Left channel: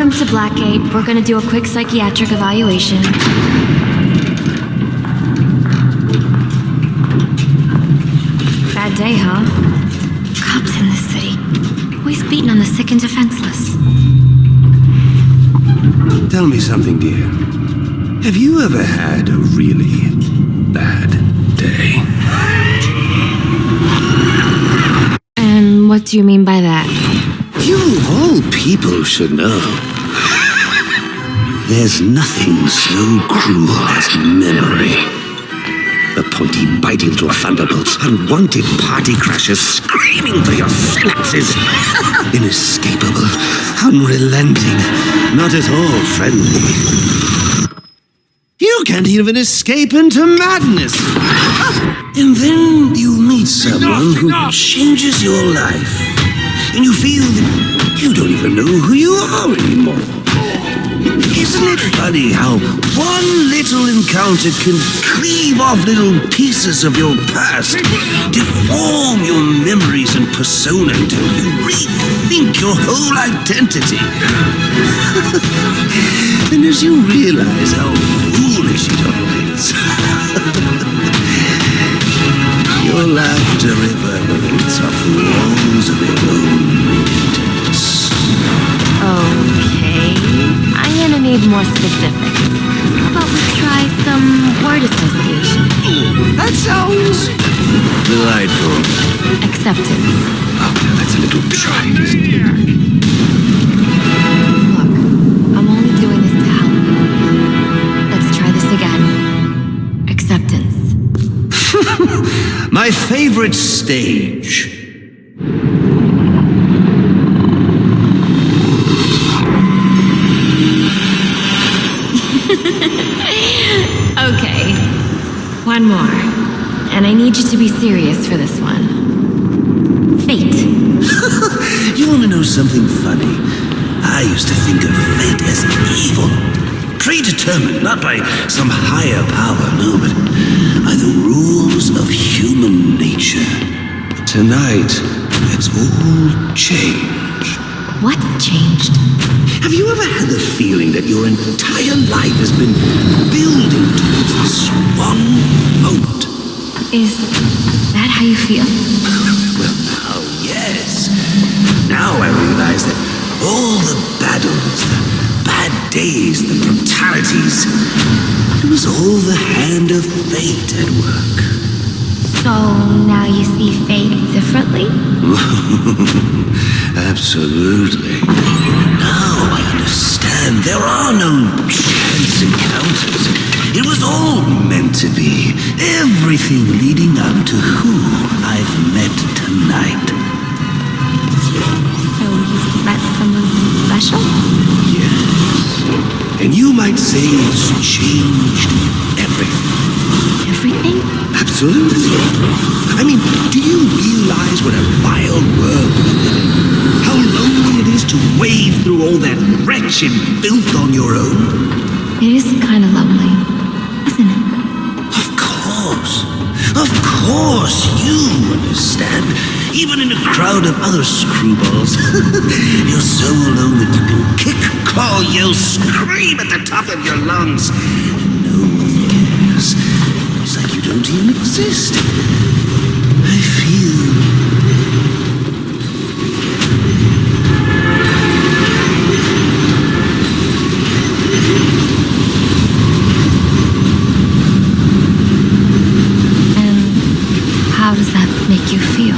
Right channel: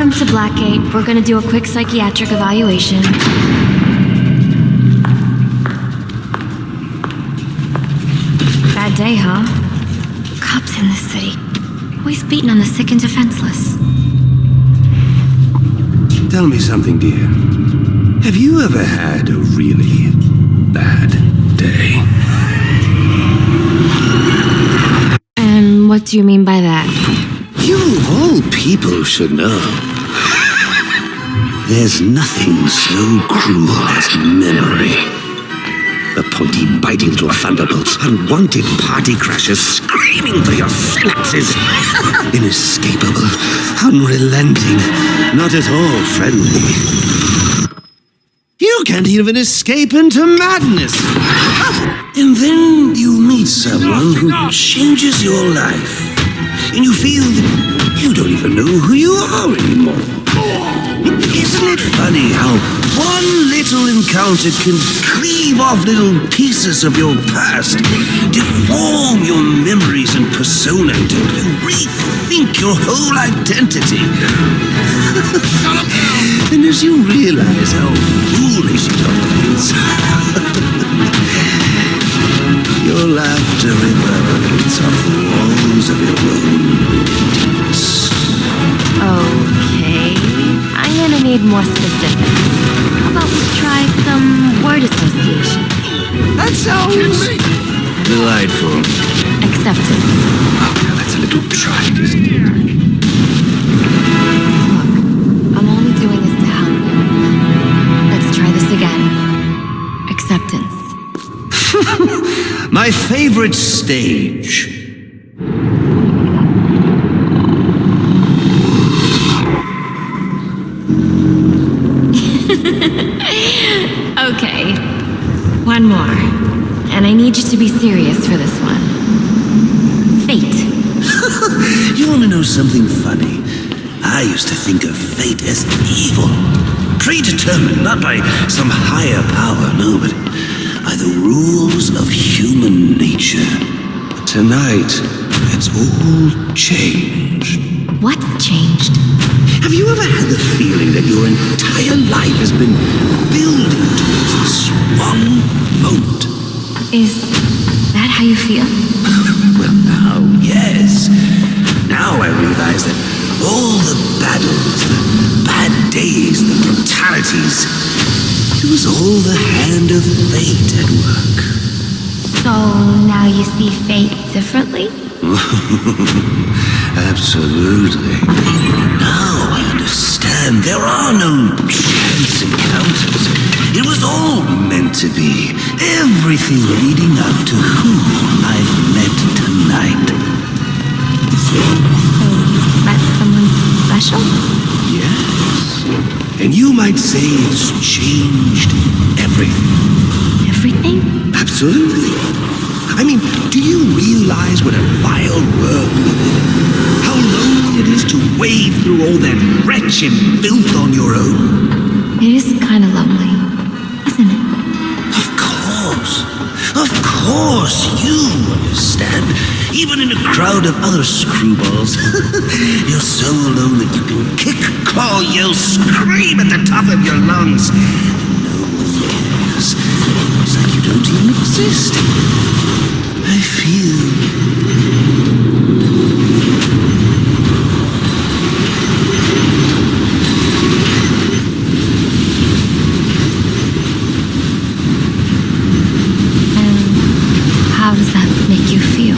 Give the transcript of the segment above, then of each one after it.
Welcome to Blackgate. We're gonna do a quick psychiatric evaluation. Bad day, huh? Cops in this city. Always beating on the sick and defenseless. Tell me something, dear. Have you ever had a really bad day? And what do you mean by that? You of all people should know. There's nothing so cruel as memory. The pointy, biting little thunderbolts, unwanted party crashers screaming through your synapses. Inescapable, unrelenting, not at all friendly. You can't even escape into madness. And then you meet someone who changes your life. And you feel that you don't even know who you are anymore. Isn't it funny how one little encounter can cleave off little pieces of your past, deform your memories and persona until you rethink your whole identity? And as you realize how foolish it all is, your laughter reverberates off the walls of your own emptiness. Okay, I'm gonna need more specifics. How about we try some word association? That sounds delightful. Acceptance. Oh, now that's a little trite, isn't it? Look, I'm only doing this to help you. Let's try this again. Acceptance. My favorite stage. Okay, one more. And I need you to be serious for this one. Fate. You want to know something funny? I used to think of fate as evil. Predetermined, not by some higher power, no, but by the rules of human nature. But tonight, it's all changed. What's changed? Have you ever had the feeling that your entire life has been building towards this one moment? Is that how you feel? Well, now, yes. Now I realize that all the battles, the bad days, the brutalities, it was all the hand of fate at work. So now you see fate differently? Absolutely. Now I understand there are no chance encounters. It was all meant to be. Everything leading up to who I've met tonight. So you've met someone special? Yes. And you might say it's changed everything. Everything? Absolutely. I mean, do you realize what a vile world we live in? How lonely it is to wade through all that wretched filth on your own? It is kind of lonely, isn't it? Of course. Of course, you understand. Even in a crowd of other screwballs. You're so alone that you can kick, claw, yell, scream at the top of your lungs. And no one cares. It's like you don't even exist. I feel... How does that make you feel?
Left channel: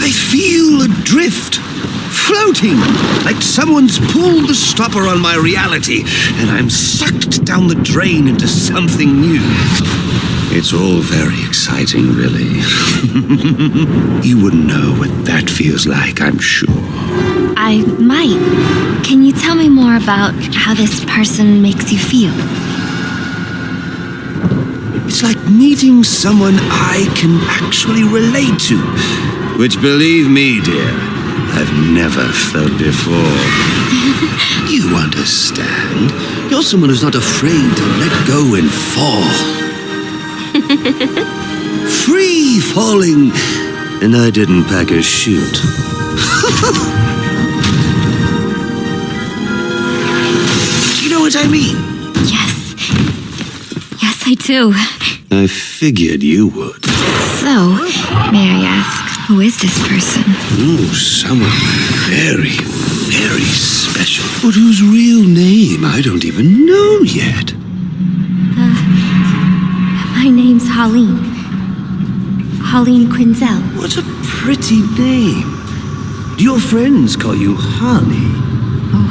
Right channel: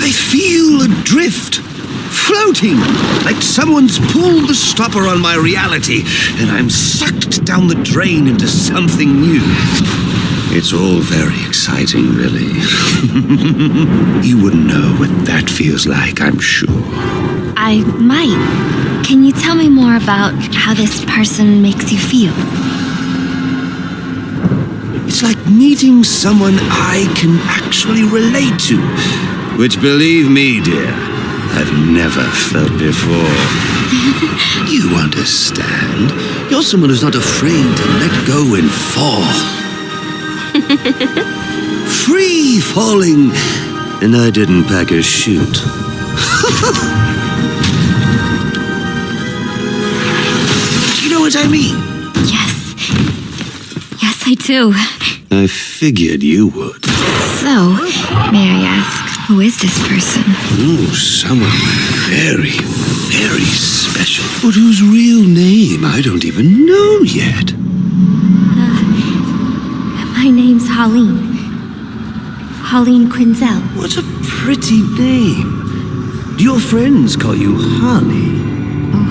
I feel adrift, floating, like someone's pulled the stopper on my reality, and I'm sucked down the drain into something new. It's all very exciting, really. You wouldn't know what that feels like, I'm sure. I might. Can you tell me more about how this person makes you feel? It's like meeting someone I can actually relate to. Which, believe me, dear, I've never felt before. You understand. You're someone who's not afraid to let go and fall. free falling, and I didn't pack a chute. Do you know what I mean? Yes. Yes, I do. I figured you would. So, may I ask, who is this person? Oh, someone very, very special. But whose real name I don't even know yet. My name's Holleen. Holleen Quinzel. What a pretty name. Do your friends call you Honey? Oh,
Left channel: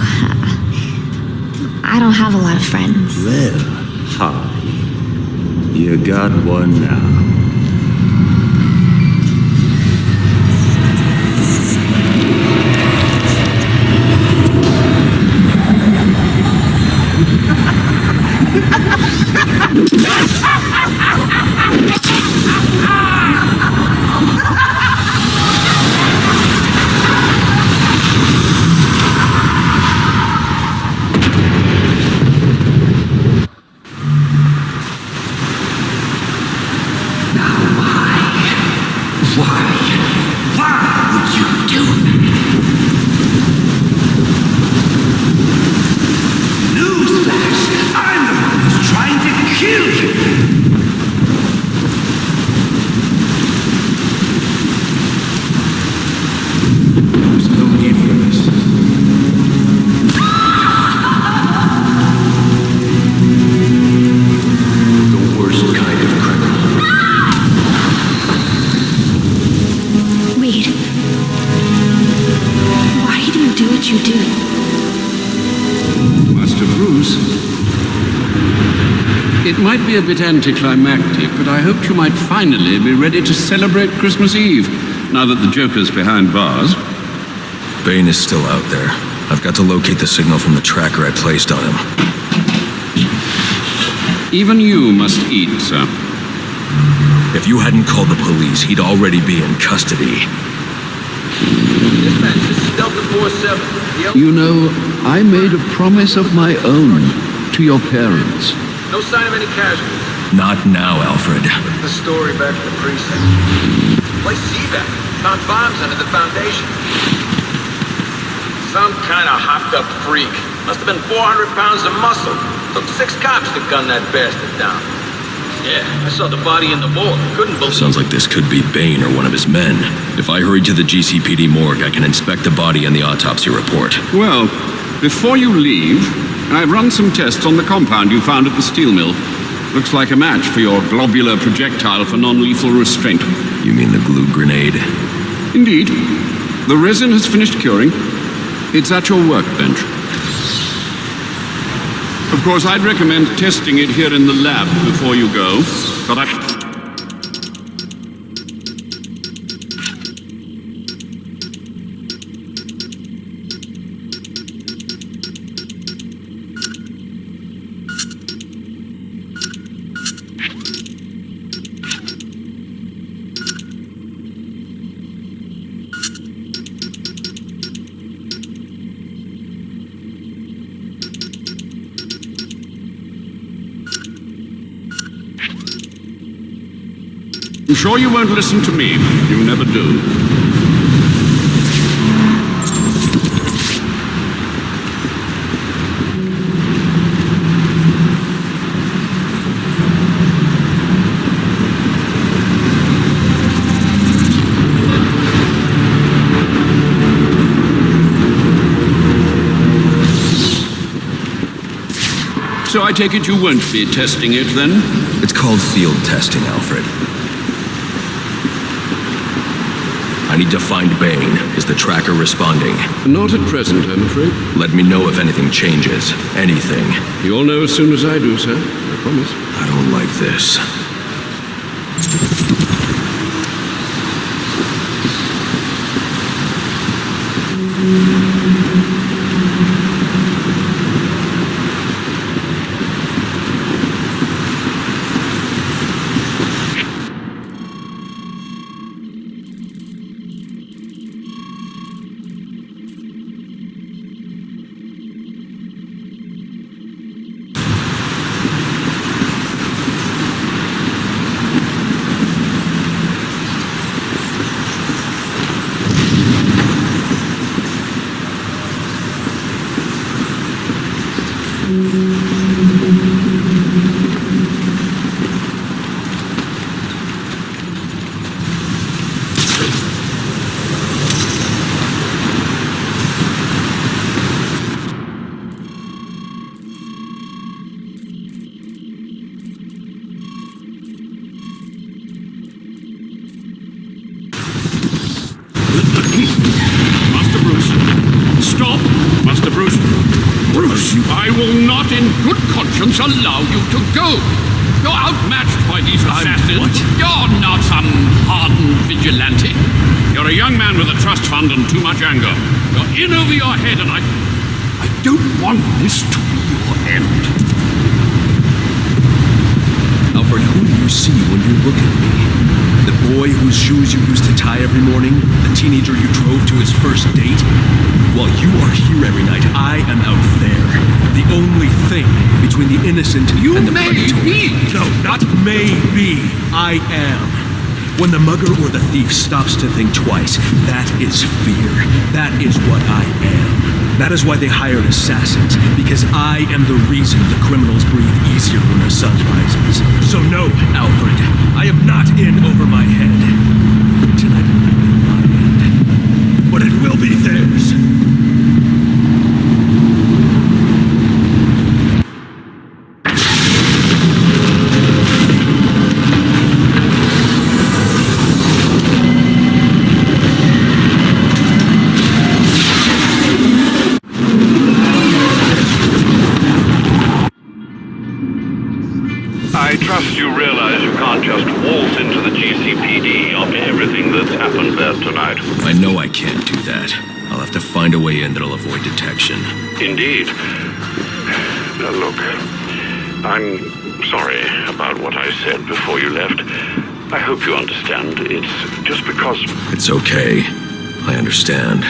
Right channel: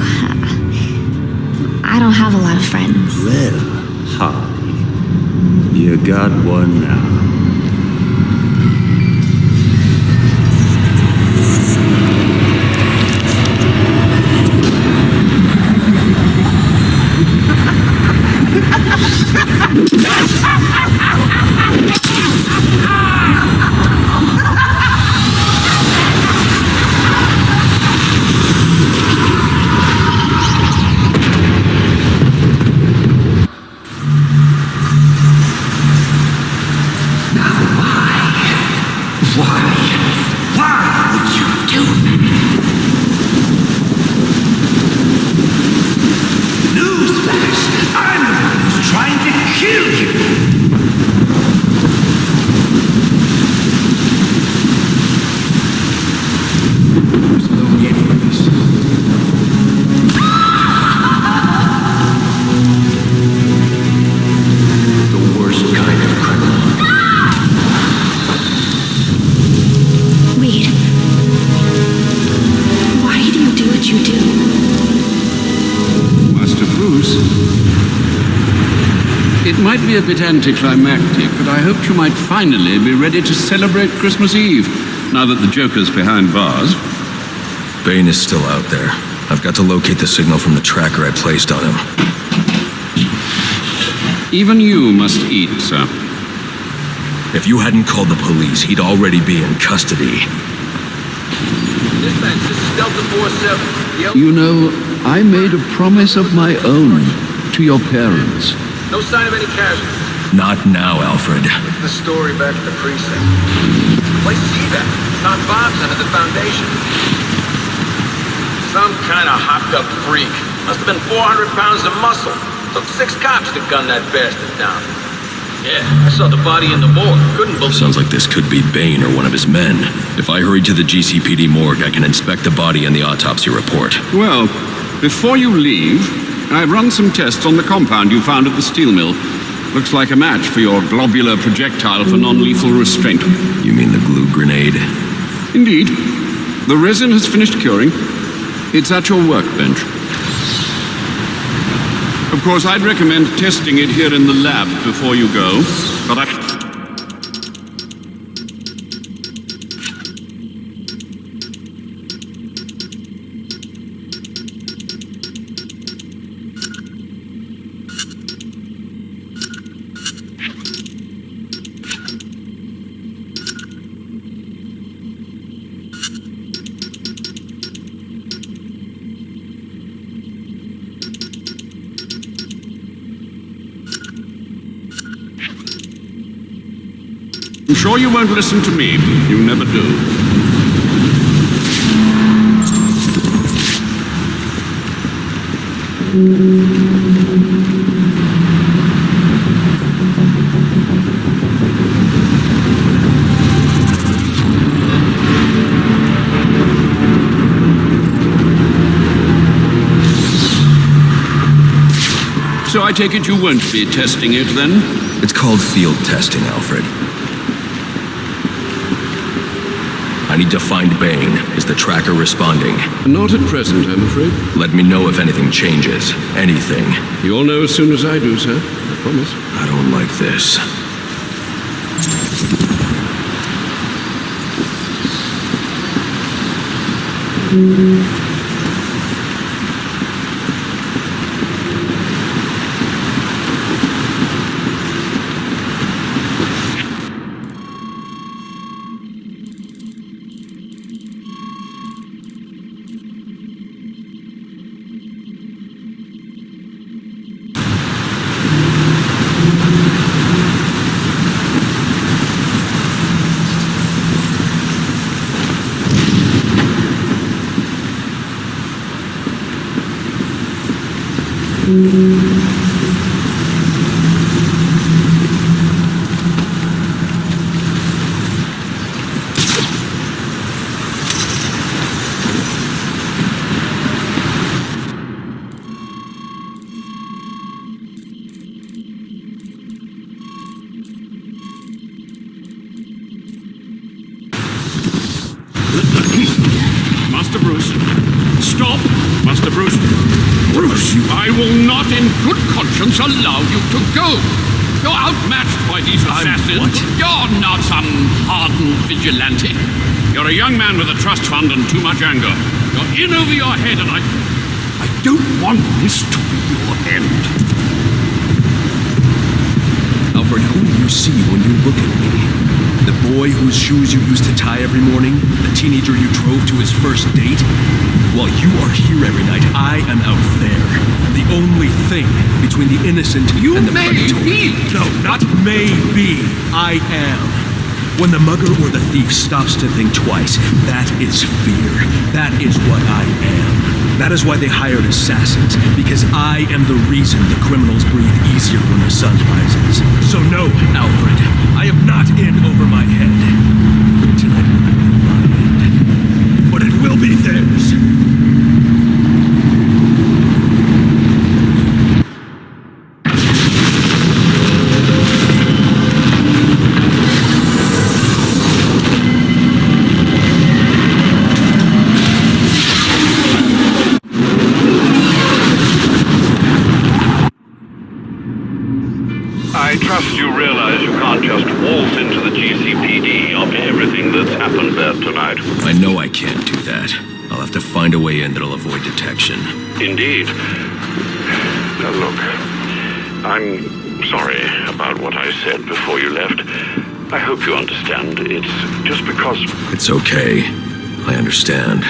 I don't have a lot of friends. Well, Honey, you got one now. Why would you do that? Newsflash! I'm the one who's trying to kill you! There's no need for this. The worst kind of criminal. Wait. Why do you do what you do? Master Bruce, it might be a bit anticlimactic, but I hoped you might finally be ready to celebrate Christmas Eve, now that the Joker's behind bars. Bane is still out there. I've got to locate the signal from the tracker I placed on him. Even you must eat, sir. If you hadn't called the police, he'd already be in custody. Dispatch, this is Delta 47. You know, I made a promise of my own to your parents. No sign of any casualties. Not now, Alfred. What's the story back at the precinct? Place is evac. Found bombs under the foundation. Some kind of hopped-up freak. Must have been 400 pounds of muscle. Took 6 cops to gun that bastard down. Yeah, I saw the body in the morgue. Couldn't believe Sounds like this could be Bane or one of his men. If I hurry to the GCPD morgue, I can inspect the body and the autopsy report. Well, before you leave, I've run some tests on the compound you found at the steel mill. Looks like a match for your globular projectile for non-lethal restraint. You mean the glue grenade? Indeed. The resin has finished curing. It's at your workbench. Of course, I'd recommend testing it here in the lab before you go, but I'm sure you won't listen to me. You never do. So I take it you won't be testing it, then? It's called field testing, Alfred. I need to find Bane. Is the tracker responding? Not at present, I'm afraid. Let me know if anything changes. Anything. You'll know as soon as I do, sir. I promise. I don't like this. Master Bruce. Stop! Master Bruce. Bruce, I will not in good conscience allow you to go. You're outmatched by these assassins. What? You're not some hardened vigilante. You're a young man with a trust fund and too much anger. You're in over your head, and I don't want this to be your end. Alfred, who do you see when you look at me? The boy whose shoes you used to tie every morning? The teenager you drove to his first date? While you are here every night, I am out there. The only thing between the innocent and the predatory. No, not maybe. I am. When the mugger or the thief stops to think twice, that is fear. That is what I am. That is why they hired assassins, because I am the reason the criminals breathe easier when the sun rises. So no, Alfred, I am not in over my head. Tonight will not be my end, but it will be theirs. I trust you realize you can't just waltz into the GCPD after everything that's happened there tonight. I know I can't do that. I'll have to find a way in that'll avoid detection. Indeed. Now look, I'm sorry about what I said before you left. I hope you understand. It's just because... It's okay. I understand.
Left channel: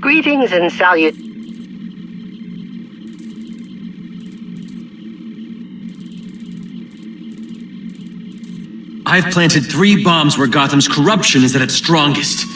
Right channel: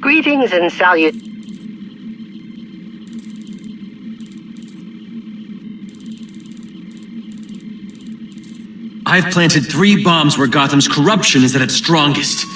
Greetings and salute. I've planted 3 bombs where Gotham's corruption is at its strongest.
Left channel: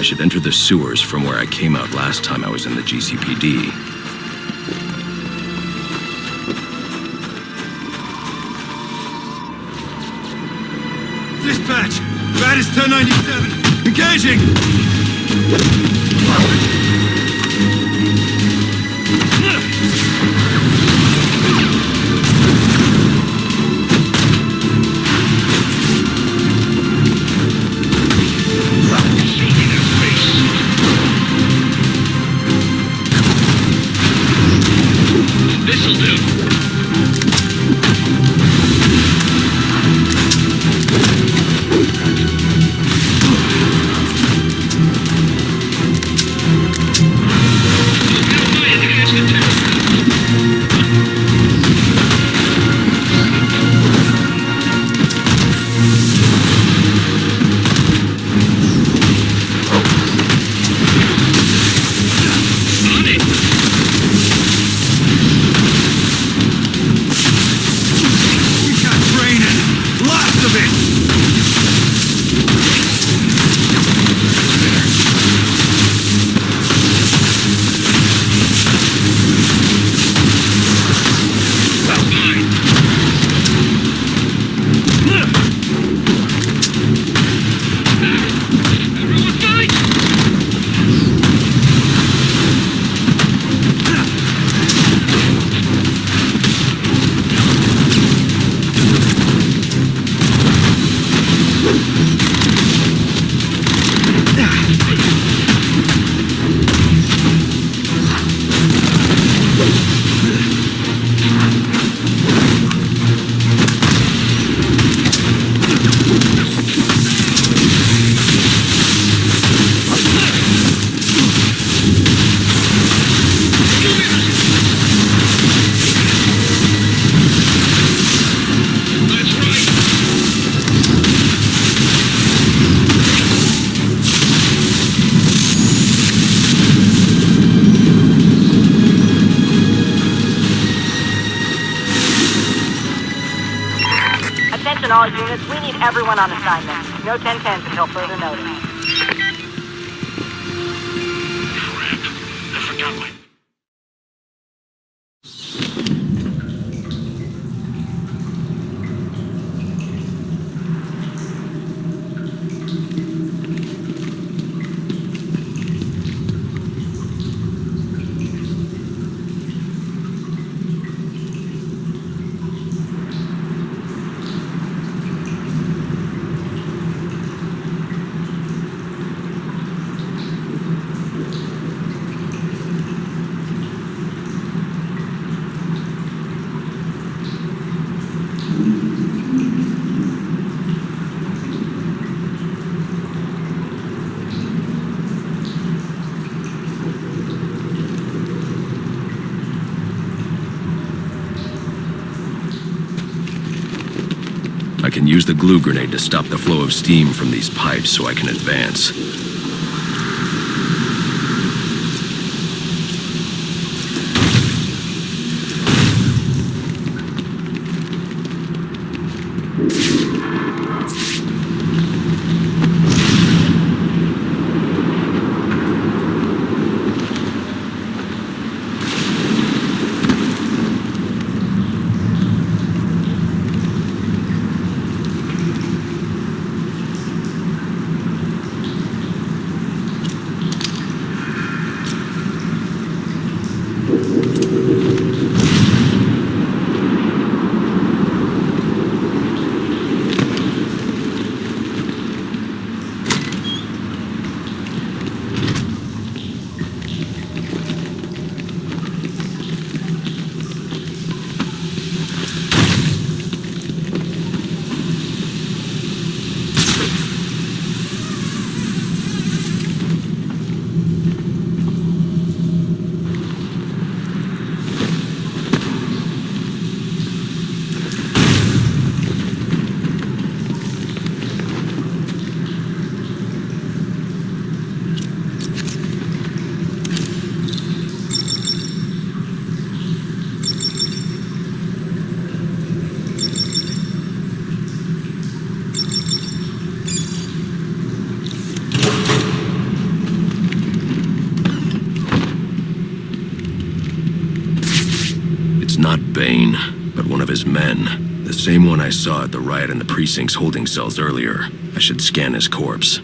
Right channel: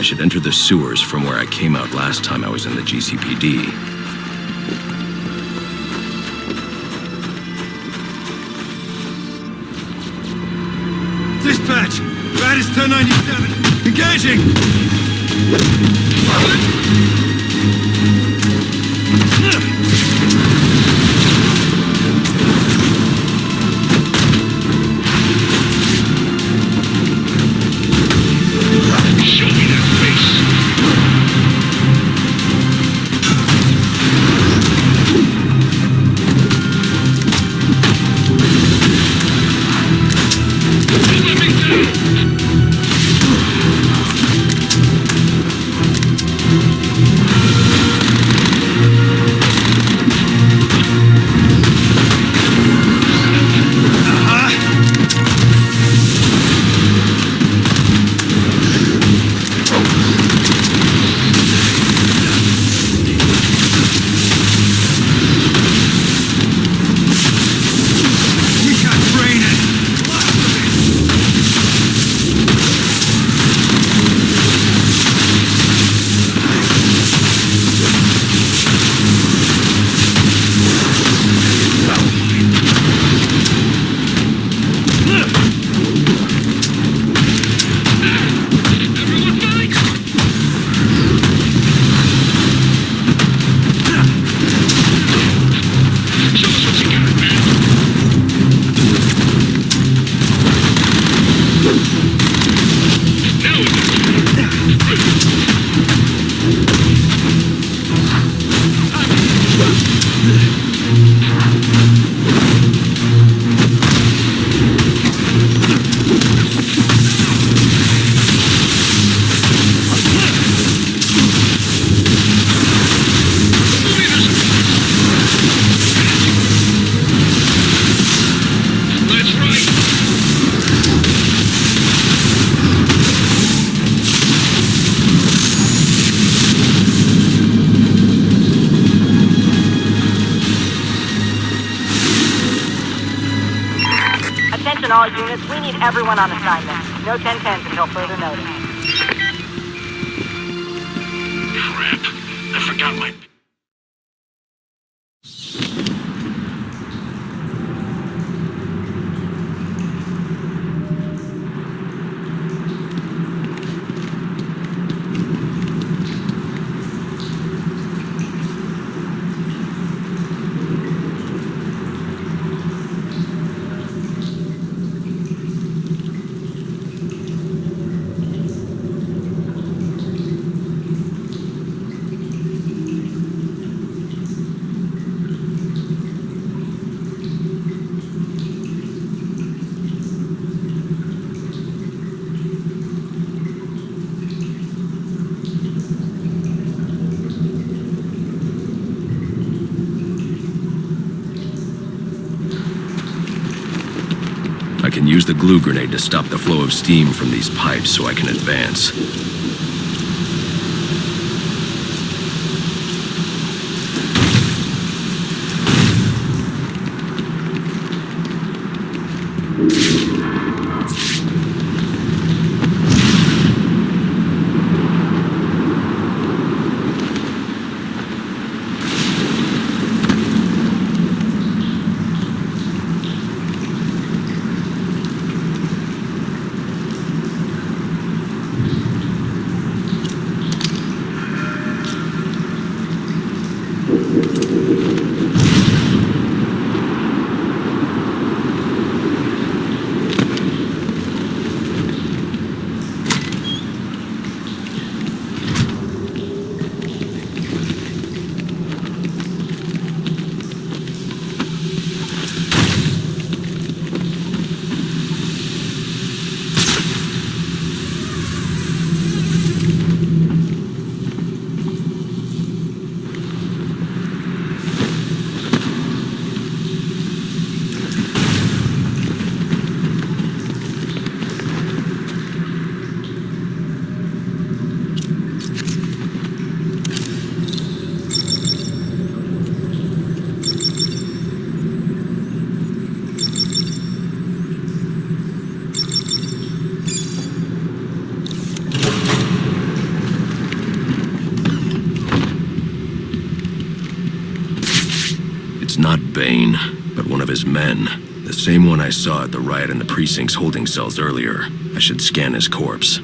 I should enter the sewers from where I came out last time I was in the GCPD. Dispatch! Baddest 1097! Engaging! Show me that face! This'll do. Attention all units, we need everyone on assignment. No 10-10s until further notice. Crap. I forgot my... I can use the glue grenade to stop the flow of steam from these pipes so I can advance. Not Bane, but one of his men. The same one I saw at the riot in the precinct's holding cells earlier. I should scan his corpse.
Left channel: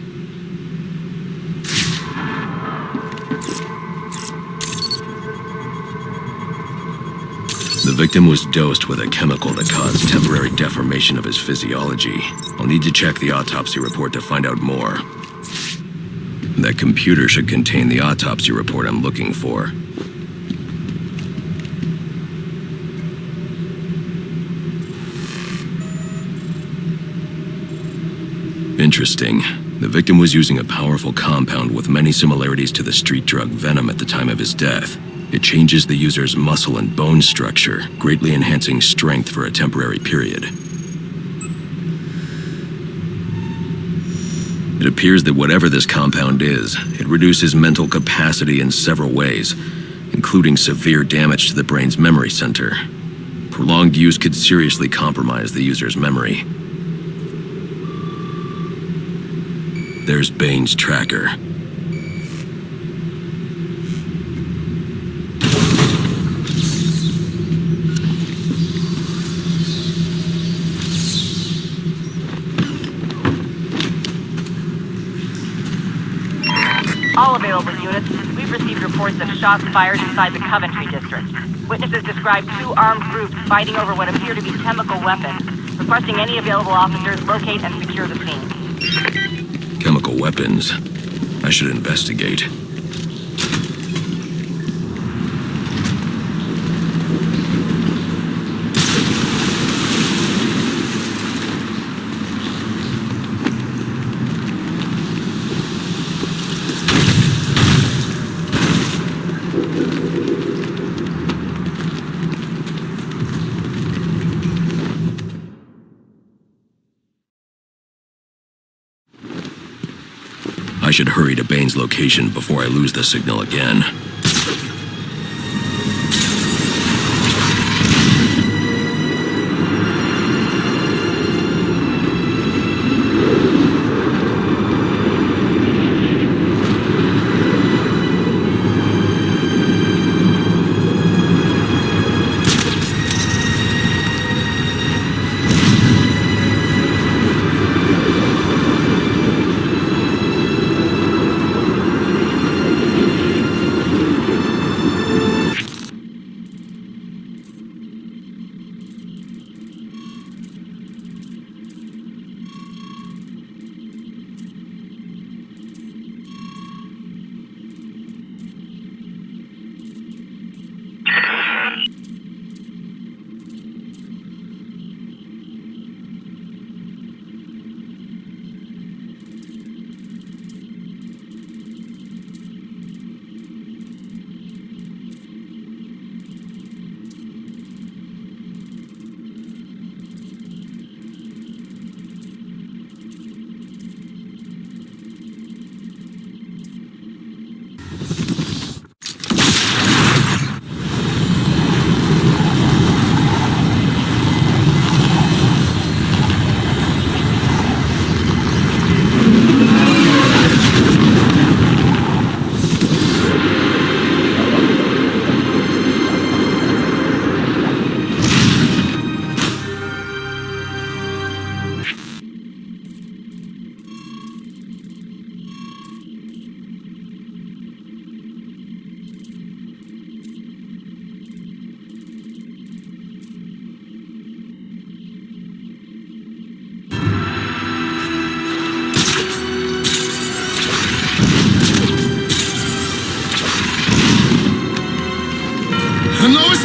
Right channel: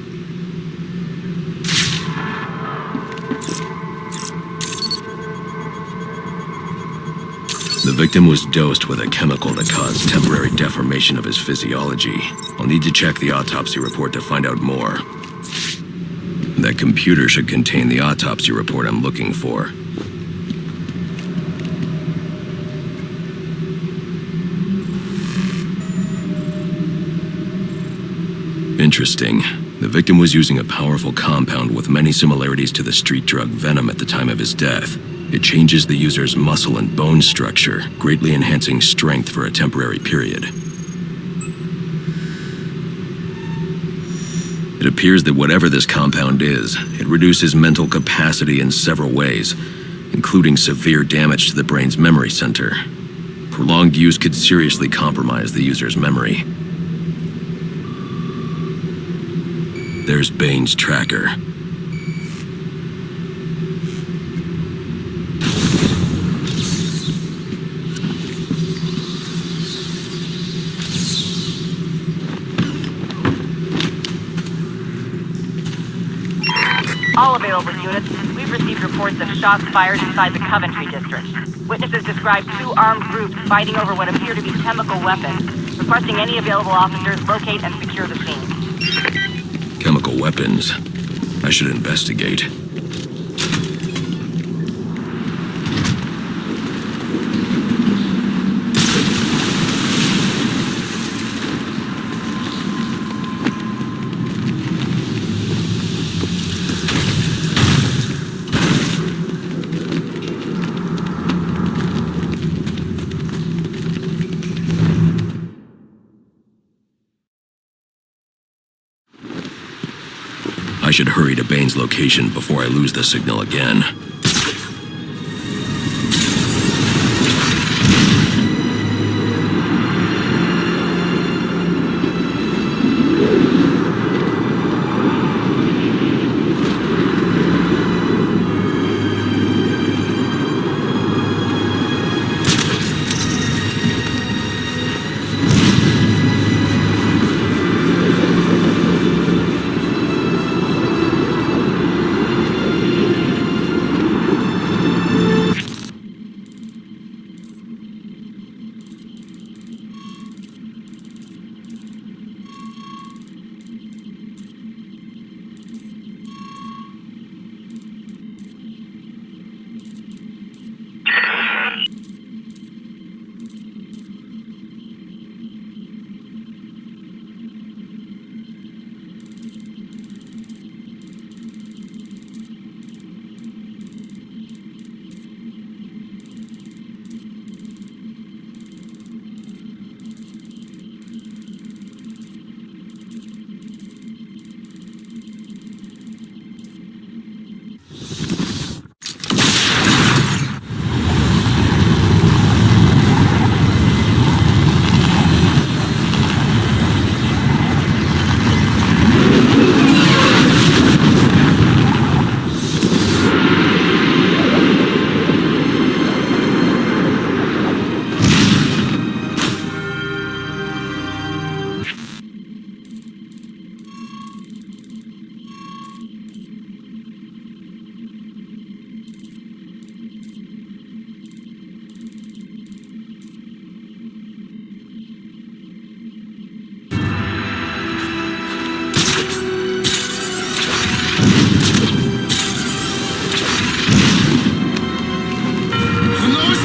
The victim was dosed with a chemical that caused temporary deformation of his physiology. I'll need to check the autopsy report to find out more. That computer should contain the autopsy report I'm looking for. Interesting. The victim was using a powerful compound with many similarities to the street drug Venom at the time of his death. It changes the user's muscle and bone structure, greatly enhancing strength for a temporary period. It appears that whatever this compound is, it reduces mental capacity in several ways, including severe damage to the brain's memory center. Prolonged use could seriously compromise the user's memory. There's Bane's tracker. All available units, we've received reports of shots fired inside the Coventry district. Witnesses describe two armed groups fighting over what appear to be chemical weapons. Requesting any available officers locate and secure the scene. Chemical weapons. I should investigate. I should hurry to Bane's location before I lose the signal again.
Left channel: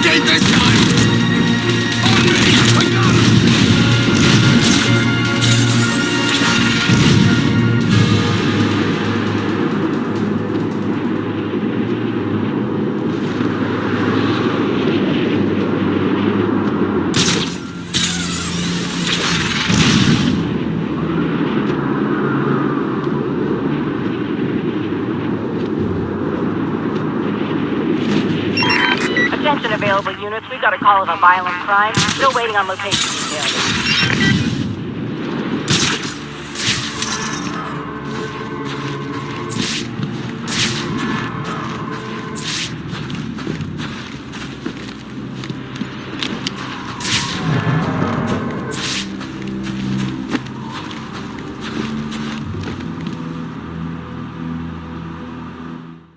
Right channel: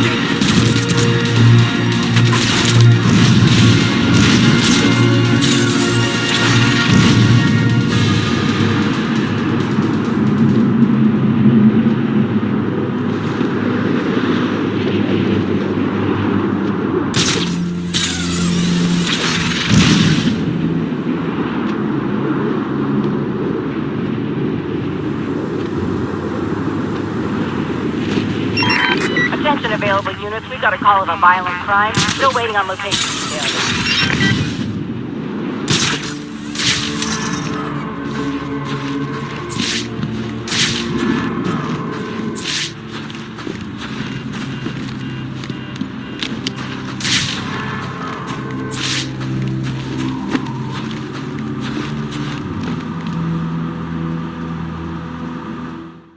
escape this time! Attention available units, we've got a call of a violent crime. Still waiting on location details.